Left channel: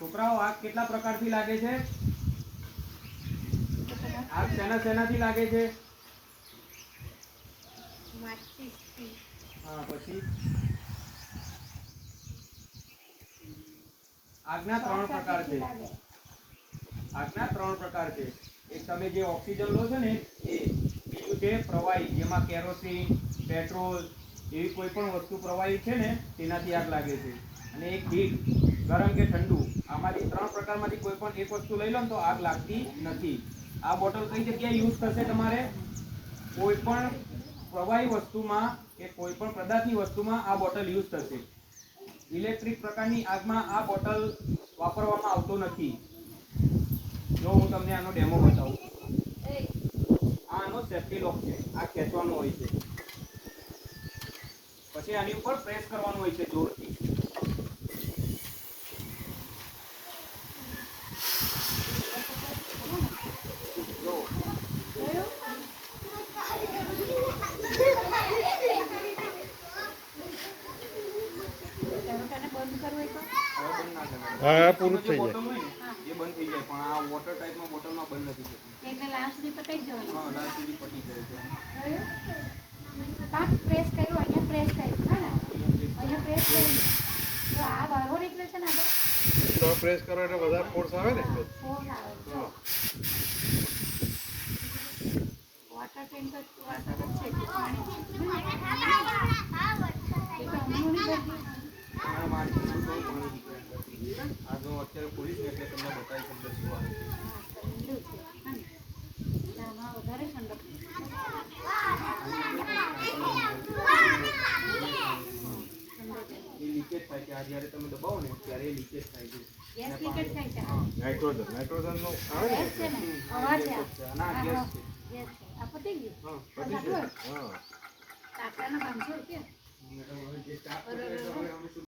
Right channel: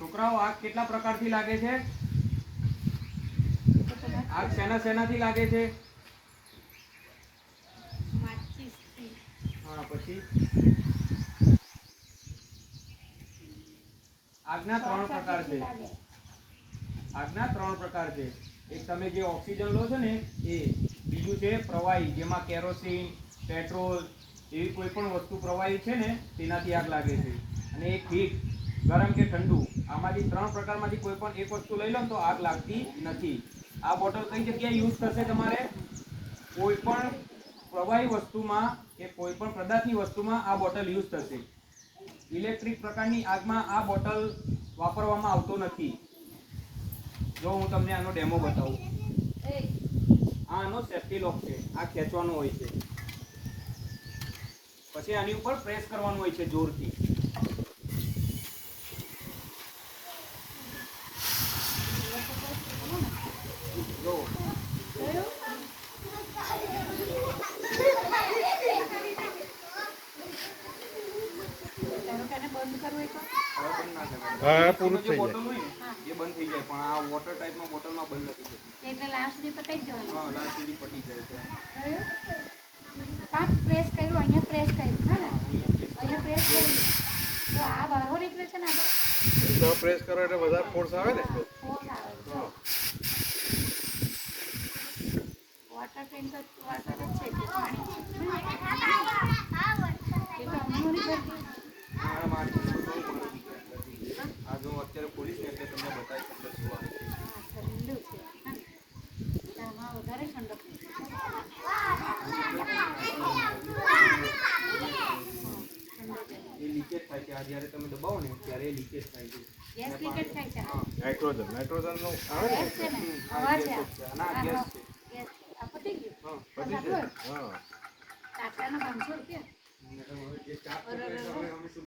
છોકરાઓ આગ કેટલા પ્રકારથી લાગે છે? આગ શેનાથી લાગે છે? હા, પછી આગના 3 પ્રકાર છે. આગના 3 પ્રકાર છે. એક તમે જે ઓક્સિજન લો છો ને એ, બીજું છે પ્રવાહી, જેમાં કેરોસીન, પેટ્રોલ એવી કોઈ પણ વસ્તુ પ્રવાહી છે ને તેનાથી આગ લાગે છે. અને એક હીટ, ગરમ કે ઠંડુ. આમાંથી 3 પ્રકારમાંથી કોઈ પણ એક વસ્તુ લઈ લો તો આગ લાગતી નથી. આ બોટલ કઈ જગ્યાએ યુઝ થશે તમારે? કોઈ પણ પ્રવાહી વસ્તુમાં કે કોઈ પણ પદાર્થની વસ્તુમાં આ બોટલ યુઝ થશે. ઇલેક્ટ્રિક પ્રકારની આગમાં આ બોટલ વાપરવામાં આવતો નથી. જો હું તમને આનો ડેમો બતાવું. આનો સેફ્ટી લોક છે. આ ખેંચવાનું હોય છે, પછી આની ઉપર પ્રેસ કરવાનું હોય છે જોરથી. જો હા, પૂરું થઈ બોટલ જાય. હોય ને એ બંધ થઈ જાય, પણ આ વોટર ટાઈપમાં બોટલમાં બંધ નથી થતી. એટલે લાસ્ટ સુધી પતાઈ જવાનું. હા, લાસ્ટ સુધી પતી જાય છે. પાંચ પ્રેસ કર્યું, અહીંયા પ્રેસ કર્યું, હા ને અહીંયા પ્રેસ કર્યું. તો આ બહાર નીકળે છે ને આપણે તો પ્રેસ કરો એટલે વધારે ફોર્સ આવે ને. ફોન આવે છે. વોટર ટેન્ક વોટર જ છે કે પાણી છે? એ તો હમણાં ભરતી આગળ અત્યારે ખોલીશ ને એટલે તમને બતાવીશ અંદર શું આવે છે. ઠંડુ છે હા ને, એટલે આમાં વધારે ઠંડક એ લીકેજ થાય છે. આ જ્યારે તમે દબાવો ને ત્યારે એ લીકેજ થાય છે. ગેસ લીકેજ થાય છે. નાઇટ્રોજન નો આવે ને ગેસ છે ને, હવા છે. ના, ગેસ છે. ગેસ છે. આ પતી ગયું. હા, પતી જાય. હા. કાકાના 500 રૂપિયા. જે ચાપ